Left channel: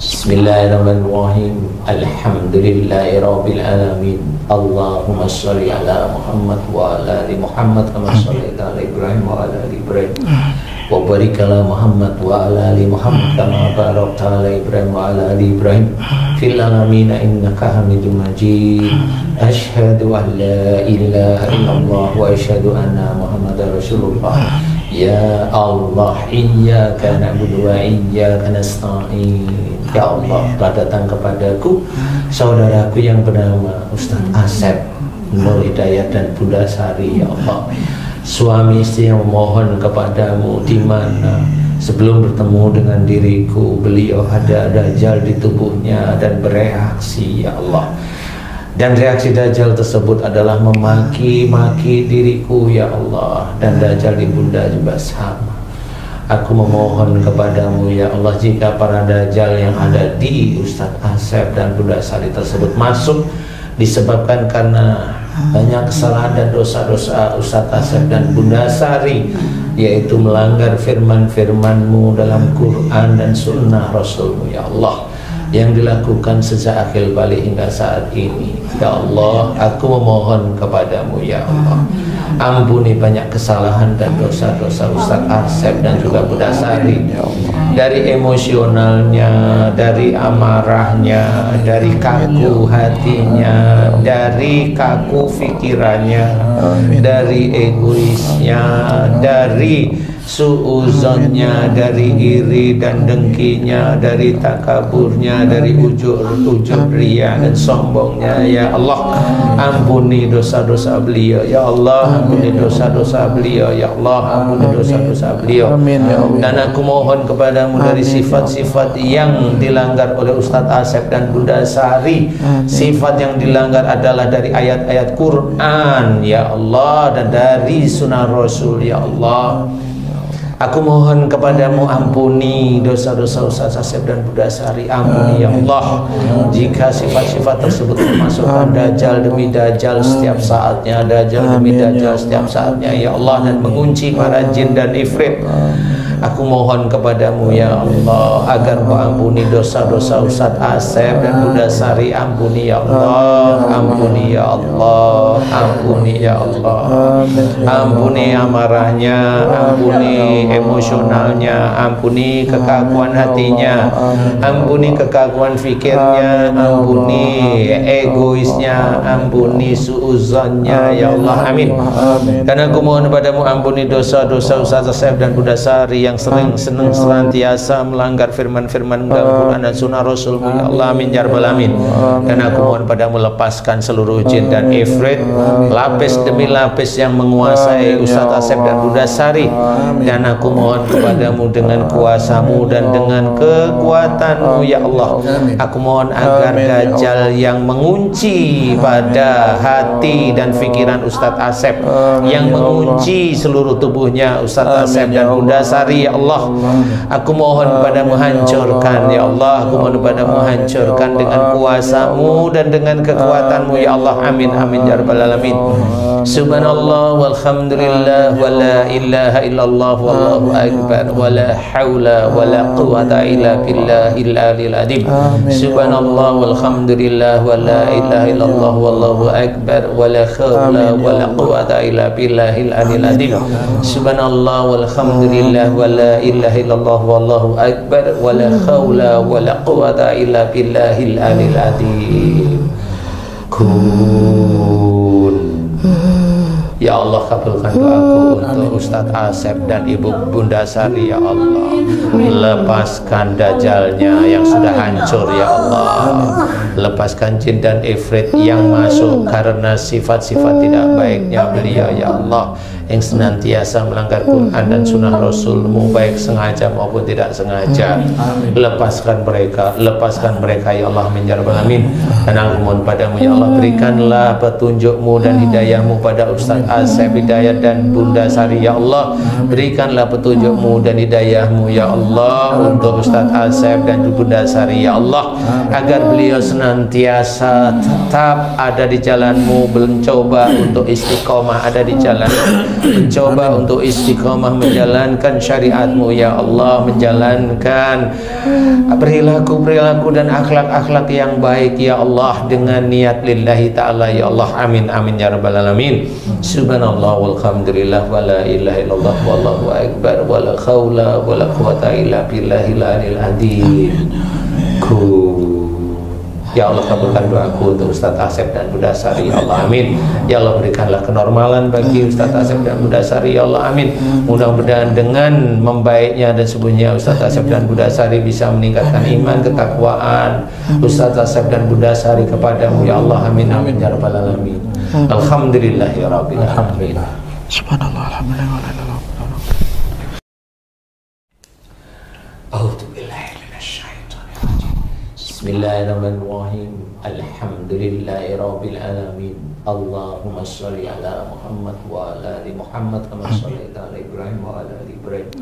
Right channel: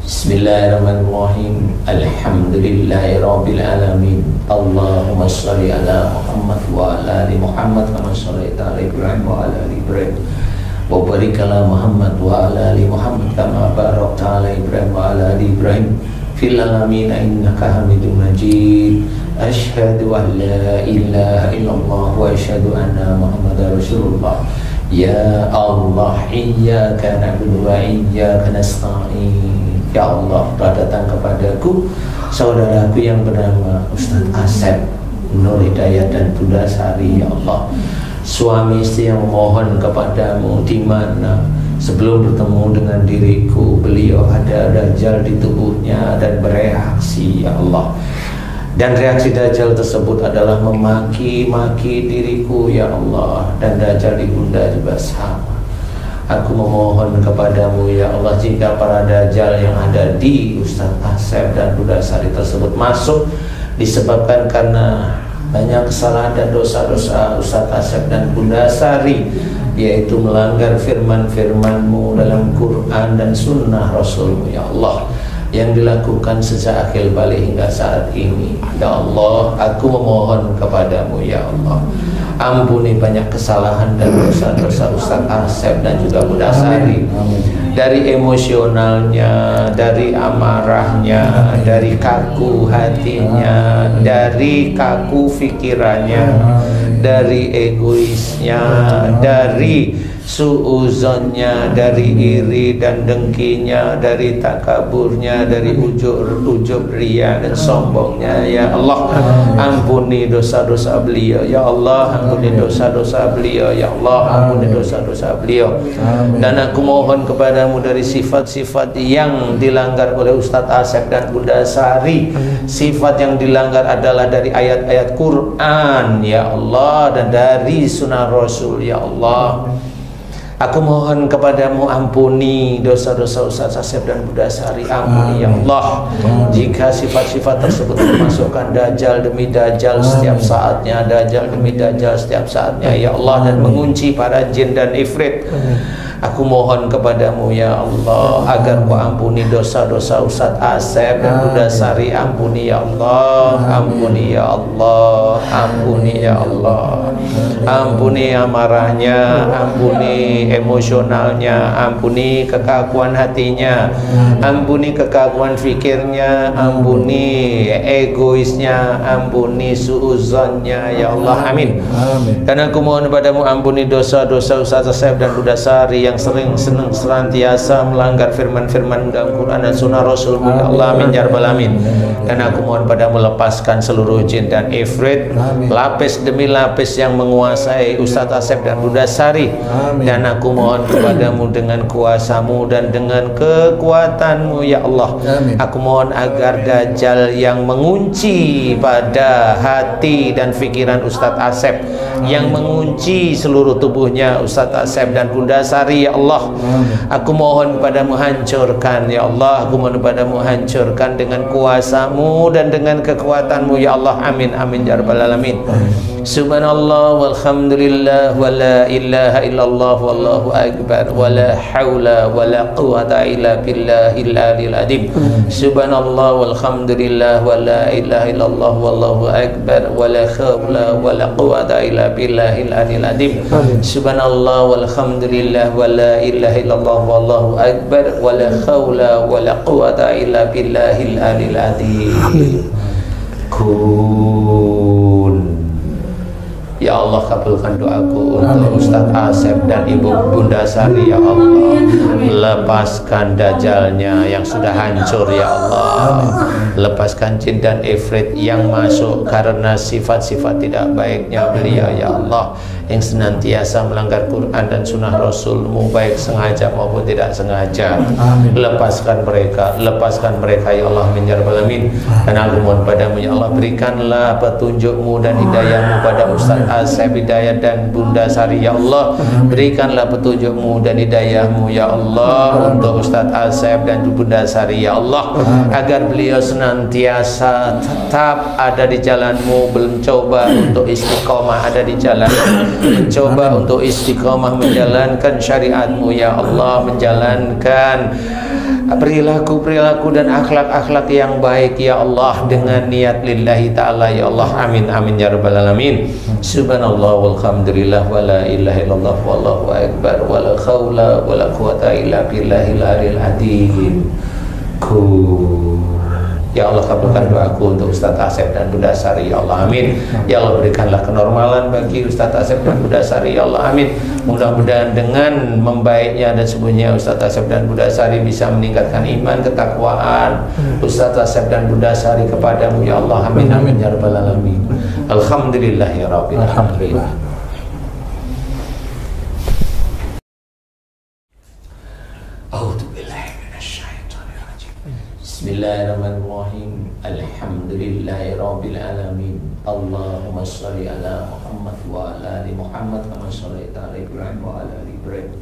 Bismillahirrahmanirrahim. Alhamdulillahirabbil alamin. Allahumma shalli ala Muhammad wa ala ali Muhammad kama shallaita ala Ibrahim wa ala ali Ibrahim. Wa barik ala Muhammad wa ala ali Muhammad kama barakta ala Ibrahim wa ala ali Ibrahim fil alamin innaka Hamidum Majid. Asyhadu an la ilaha illallah wa asyhadu anna Muhammadar Rasulullah. Ya Allah, iyyaka na'budu wa iyyaka nasta'in. Ya Allah, telah datang kepadaku saudaraku yang bernama Ustaz Asep Nur Hidayat dan Bunda Sari. Ya Allah, suami istri yang mohon kepadamu di mana sebelum bertemu dengan diriku beliau ada dajjal di tubuhnya dan bereaksi. Ya Allah, dan reaksi dajjal tersebut adalah memaki-maki diriku. Ya Allah, dan dajjal di bunda juga sama. Aku memohon kepadamu ya Allah, jika para dajjal yang ada di Ustadz Asep dan Bunda Sari tersebut masuk disebabkan karena banyak kesalahan dan dosa-dosa Ustadz Asep dan Bunda Sari, yaitu melanggar firman-firmanmu dalam Quran dan sunnah Rasulmu ya Allah, yang dilakukan sejak akhir balik hingga saat ini. Ya Allah, aku memohon kepadamu ya Allah, ampuni banyak kesalahan dan dosa-dosa Ustadz Asep dan juga Bunda Sari, dari emosionalnya, dari amarahnya, dari kaku hatinya, dari kaku pikirannya, dari egoisnya, dari suuzonnya, dari iri dan dengkinya, dari takaburnya, dari ujub ria dan sombongnya. Ya Allah, ampuni dosa-dosa beliau. Ya Allah, ampuni dosa-dosa beliau. Ya Allah, ampuni dosa-dosa beliau. Dan aku mohon kepadamu dari sifat-sifat yang dilanggar oleh Ustadz Asep dan Bunda Sari, sifat yang dilanggar adalah dari ayat-ayat Quran ya Allah, dan dari sunnah Rasul. Ya Allah, aku mohon kepadamu, ampuni dosa-dosa Ustadz Asep dan Bunda Sari. Ampuni ya Allah, jika sifat-sifat tersebut memasukkan dajjal demi dajjal setiap saatnya, dajjal demi dajjal setiap saatnya ya Allah, dan mengunci para jin dan ifrit. Aku mohon kepadamu ya Allah, agar kau ampuni dosa-dosa Ustadz Asep dan Bunda Sari. Ampuni ya Allah, ampuni ya Allah, ampuni ya Allah, ampuni amarahnya, ampuni emosionalnya, ampuni kekakuan hatinya, ampuni kekakuan fikirnya, ampuni egoisnya, ampuni suuzonnya ya Allah. Amin. Karena aku mohon padamu, ampuni dosa-dosa Ustadz Asep dan Bunda Sari yang sering senantiasa melanggar firman-firman dalam Quran dan sunnah Rasulmu ya Allah. Amin ya rabbal alamin. Dan aku mohon padamu, lepaskan seluruh jin dan ifrit, lapis demi lapis yang menguasai Ustadz Asep dan Bunda Sari. Dan aku mohon kepadamu dengan kuasamu dan dengan kekuatanmu ya Allah, aku mohon agar dajjal yang mengunci pada hati dan pikiran Ustadz Asep, yang mengunci seluruh tubuhnya Ustadz Asep dan Bunda Sari ya Allah, aku mohon padamu, hancurkan ya Allah. Aku mohon padamu, hancurkan dengan kuasamu dan dengan kekuatanmu ya Allah. Amin amin ya rabbal alamin. Subhanallah walhamdulillah wa la ilaha illallah wallahu akbar wa la hawla wa la quwata illa billahil aliyil azim. Subhanallah walhamdulillah wa la ilaha illallah wallahu akbar wa la hawla wa la quwata illa billahil aliyil azim. Subhanallah walhamdulillah wa la ilaha illallah wallahu akbar wa la hawla wa la quwata illa billahil aliyil azim. Ya Allah, kabulkan doaku untuk Ustadz Asep dan Ibu Bunda Sari ya Allah. Lepaskan dajjalnya yang sudah hancur ya Allah. Lepaskan jin dan ifrit yang masuk karena sifat-sifat tidak baiknya beliau ya Allah, yang senantiasa melanggar Quran dan sunnah Rasulmu, baik sengaja maupun tidak sengaja. Lepaskan mereka ya Allah, min ya rabbal alamin. Dan aku mohon padamu ya Allah, berikanlah petunjukmu dan hidayahmu pada Ustadz Asep Hidayat dan Bunda Sari ya Allah. Berikanlah petunjukmu dan hidayahmu ya Allah untuk Ustadz Asep dan Bunda Sari ya Allah, agar beliau senantiasa tetap ada di jalanmu, mencoba untuk istiqomah ada di jalan, mencoba untuk istiqomah menjalankan syariat-Mu ya Allah, menjalankan perilaku-perilaku dan akhlak-akhlak yang baik ya Allah dengan niat lillahi ta'ala ya Allah. Amin amin ya rabbal alamin. Subhanallah walhamdulillah wa la ilaha illallah wallahu akbar wa la khawla wa la quwata illa billahil aliyil azim. Ya Allah, kabulkan doaku untuk Ustadz Asep dan Bunda Sari ya Allah, amin. Ya Allah, berikanlah kenormalan bagi Ustadz Asep dan Bunda Sari ya Allah, amin. Mudah-mudahan dengan membaiknya dan sembuhnya Ustadz Asep dan Bunda Sari bisa meningkatkan iman, ketakwaan Ustadz Asep dan Bunda Sari kepadamu ya Allah, amin amin ya rabbal alamin. Alhamdulillah ya rabbil alamin. Subhanallah. Bismillahirrahmanirrahim. Alhamdulillahi rabbil alamin. Allahumma shalli ala Muhammad wa ala ali Muhammad kama shallaita ala Ibrahim wa ala ali Ibrahim.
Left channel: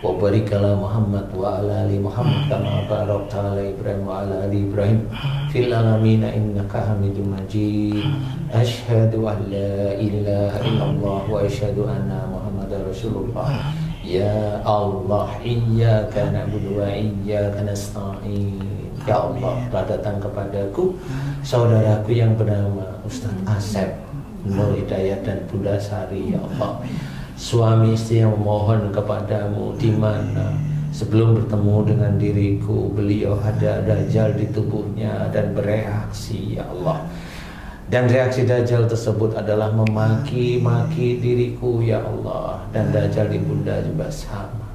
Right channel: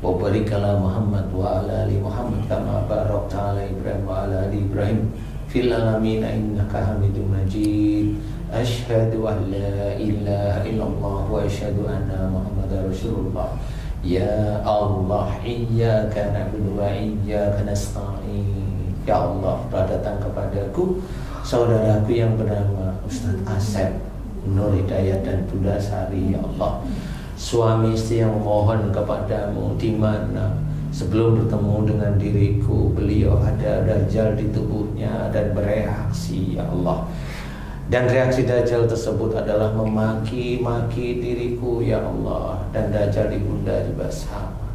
Wa barik ala Muhammad wa ala ali Muhammad kama barakta ala Ibrahim wa ala ali Ibrahim fil alamin innaka Hamidum Majid. Asyhadu an la ilaha illallah wa asyhadu anna Muhammadar Rasulullah. Ya Allah, iyyaka na'budu wa iyyaka nasta'in. Ya Allah, telah datang kepadaku saudaraku yang bernama Ustadz Asep Nur Hidayat dan Bunda Sari ya Allah. Suami istri yang memohon kepadamu di mana sebelum bertemu dengan diriku beliau ada dajjal di tubuhnya dan bereaksi ya Allah. Dan reaksi dajjal tersebut adalah memaki-maki diriku ya Allah, dan dajjal di bunda juga sama.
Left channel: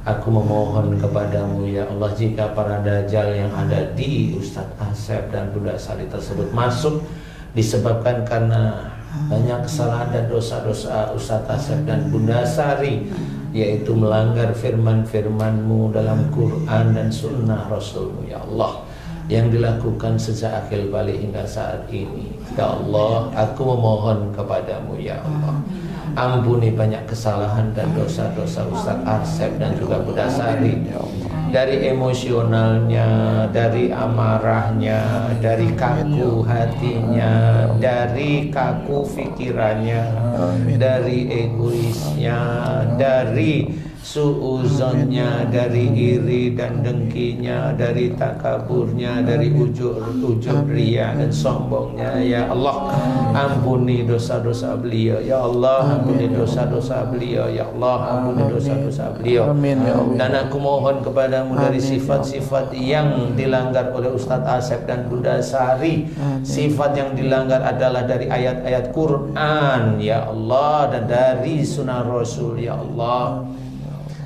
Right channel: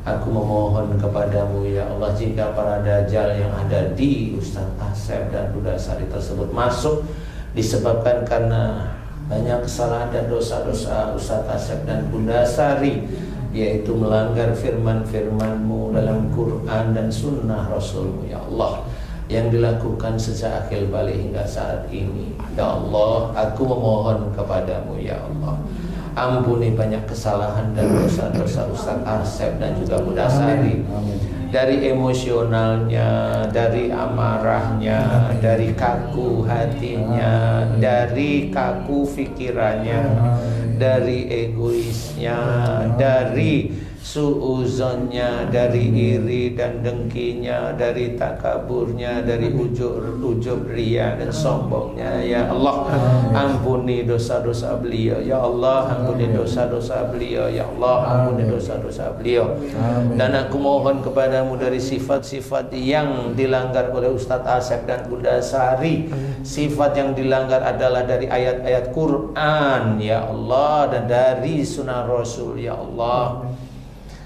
Aku memohon kepadamu ya Allah, jika para dajjal yang ada di Ustadz Asep dan Bunda Sari tersebut masuk disebabkan karena banyak kesalahan dan dosa-dosa Ustadz Asep dan Bunda Sari, yaitu melanggar firman-firman-Mu dalam Quran dan sunnah Rasul-Mu ya Allah, yang dilakukan sejak akhir balik hingga saat ini. Ya Allah, aku memohon kepadamu ya Allah, ampuni banyak kesalahan dan dosa-dosa Ustadz Asep dan juga Bunda Sari, dari emosionalnya, dari amarahnya, dari kaku hatinya, dari kaku pikirannya, dari egoisnya, dari suuzonnya, dari iri dan dengkinya, dari takaburnya, dari ujub ria dan sombongnya ya Allah. Ampuni dosa-dosa beliau ya Allah, ampuni dosa-dosa beliau ya Allah, ampuni dosa-dosa beliau. Dan aku mohon kepadamu dari sifat-sifat yang dilanggar oleh Ustadz Asep dan Bunda Sari, sifat yang dilanggar adalah dari ayat-ayat Quran ya Allah dan dari sunnah Rasul ya Allah.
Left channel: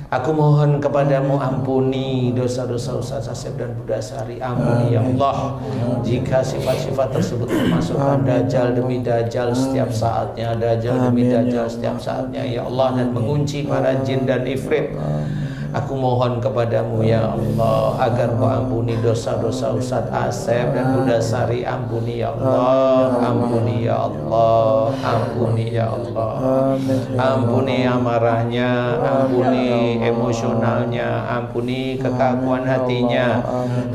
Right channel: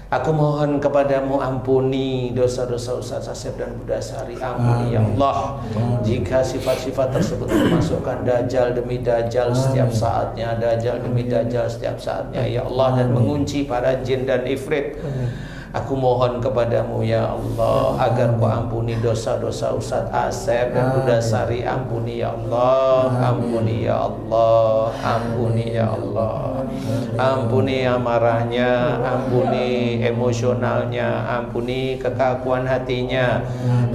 Aku mohon kepadamu, ampuni dosa-dosa Ustadz Asep dan Bunda Sari, ampuni ya Allah. Jika sifat-sifat tersebut memasukkan dajjal demi dajjal setiap saatnya, dajjal demi dajjal setiap saatnya ya Allah, dan mengunci para jin dan ifrit, aku mohon kepadamu ya Allah agar Kau ampuni dosa-dosa Ustadz Asep dan Bunda Sari. Ampuni ya Allah, ampuni ya Allah, ampuni ya Allah. Ampuni amarahnya, ampuni emosionalnya, ampuni kekakuan hatinya,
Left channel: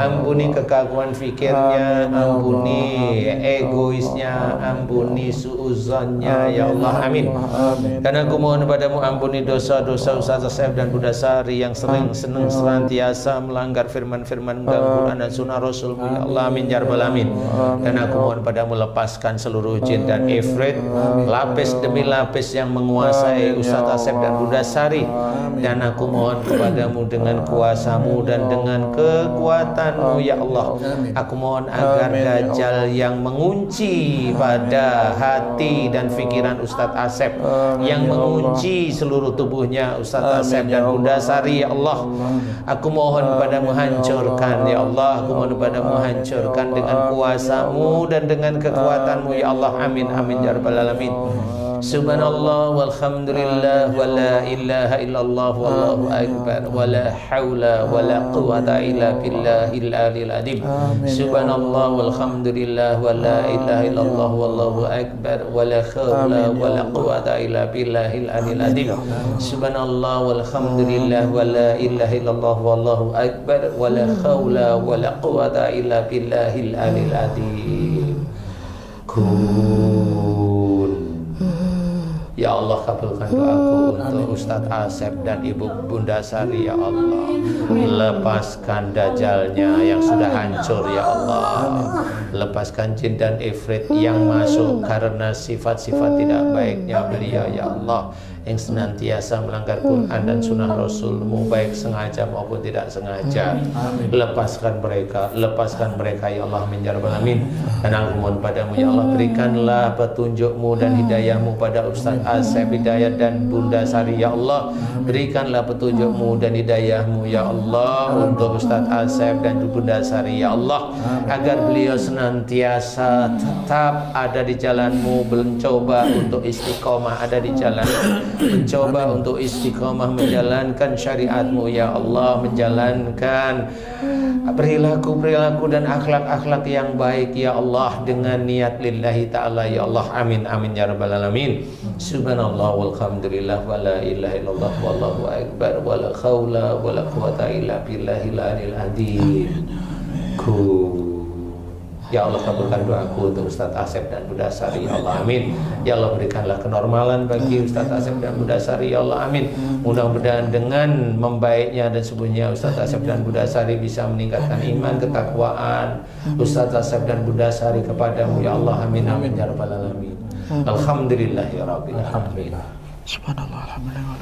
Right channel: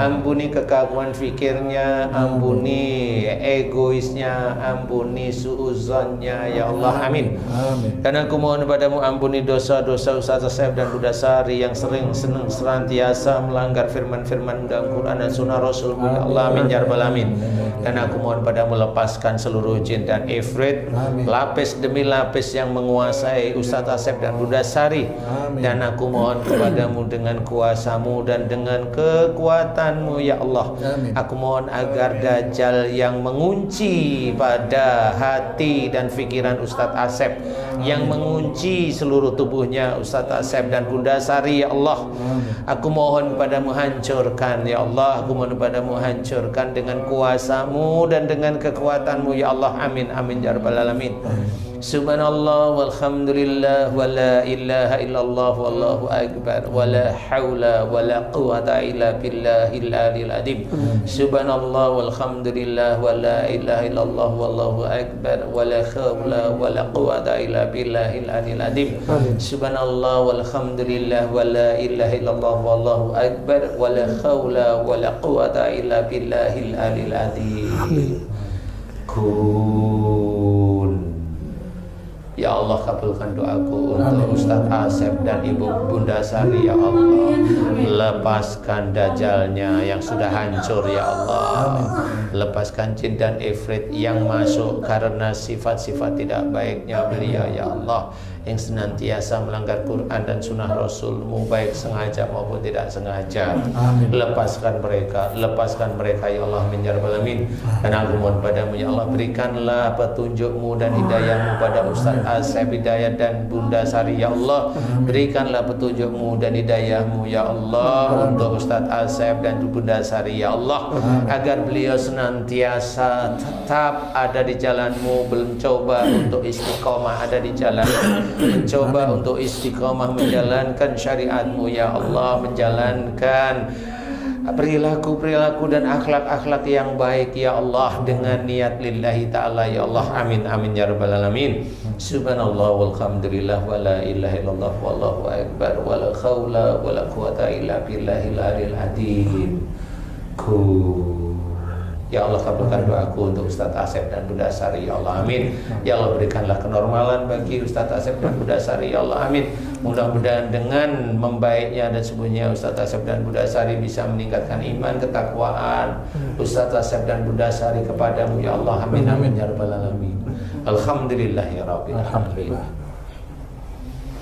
ampuni kekakuan fikirnya, ampuni egoisnya, ampuni suuzonnya ya Allah, amin. Dan aku mohon padamu, ampuni dosa-dosa Ustadz Asep dan Bunda Sari yang sering senang senantiasa melanggar firman-firman dalam Quran dan sunnah Rasul-Mu ya Allah, amin ya rabbal alamin. Dan aku mohon padamu, lepaskan seluruh jin dan ifrit, lapis demi lapis yang menguasai Ustadz Asep dan Bunda Sari. Dan aku mohon kepadamu dengan kuasa-Mu dan dengan kekuatan-Mu ya Allah, aku mohon agar dajjal yang mengunci pada hati dan pikiran Ustadz Asep, yang mengunci seluruh tubuhnya Ustadz Asep dan Bunda Sari ya Allah, aku mohon padamu, hancurkan ya Allah, aku mohon padamu, hancurkan dengan kuasa-Mu dan dengan kekuatan-Mu ya Allah, amin amin ya rabbal alamin. Subhanallah walhamdulillah wa la ilaha illallah wallahu akbar wa la hawla wa la quwata illa billahil aliyil azim. Subhanallah walhamdulillah wa la ilaha illallah wallahu akbar wa la hawla wa la quwata illa billahil aliyil azim. Subhanallah walhamdulillah wa la ilaha illallah wallahu akbar wa la hawla wa la quwata illa billahil aliyil azim. Ya Allah, kabulkan doaku untuk Ustadz Asep dan Ibu Bunda Sari. Ya Allah, lepaskan dajalnya yang sudah hancur. Ya Allah, lepaskan jin dan ifrit yang masuk karena sifat-sifat tidak baiknya beliau. Ya Allah, yang senantiasa melanggar Quran dan sunnah Rasul-Mu, baik sengaja maupun tidak sengaja. Lepaskan mereka ya Allah, min ya rabbal alamin. Dan aku mohon padamu ya Allah, berikanlah petunjuk-Mu dan hidayah-Mu pada Ustadz Asep, hidayah dan Bunda Sari. Ya Allah, berikanlah petunjuk-Mu dan hidayah-Mu ya Allah untuk Ustadz Asep dan Bunda Sari. Ya Allah, agar beliau senantiasa tetap ada di jalan-Mu, mencoba untuk istiqomah ada di jalan, mencoba untuk istiqomah menjalankan syariat-Mu ya Allah, menjalankan perilaku-perilaku dan akhlak-akhlak yang baik ya Allah, dengan niat lillahi ta'ala ya Allah. Amin amin ya rabbal alamin. Subhanallah walhamdulillah wa la ilaha illallah wallahu akbar wa la khawla wa la quwata illa billahil aliyil azim. Ya Allah, kabulkan doaku untuk Ustadz Asep dan Bunda Sari. Ya Allah, amin. Ya Allah, berikanlah kenormalan bagi Ustadz Asep dan Bunda Sari. Ya Allah, amin. Mudah-mudahan dengan membaiknya dan sembuhnya Ustadz Asep dan Bunda Sari bisa meningkatkan iman, ketakwaan Ustadz Asep dan Bunda Sari kepadamu. Ya Allah, amin amin ya rabbal alamin. Alhamdulillah ya rabbil alamin. Subhanallah, alhamdulillah.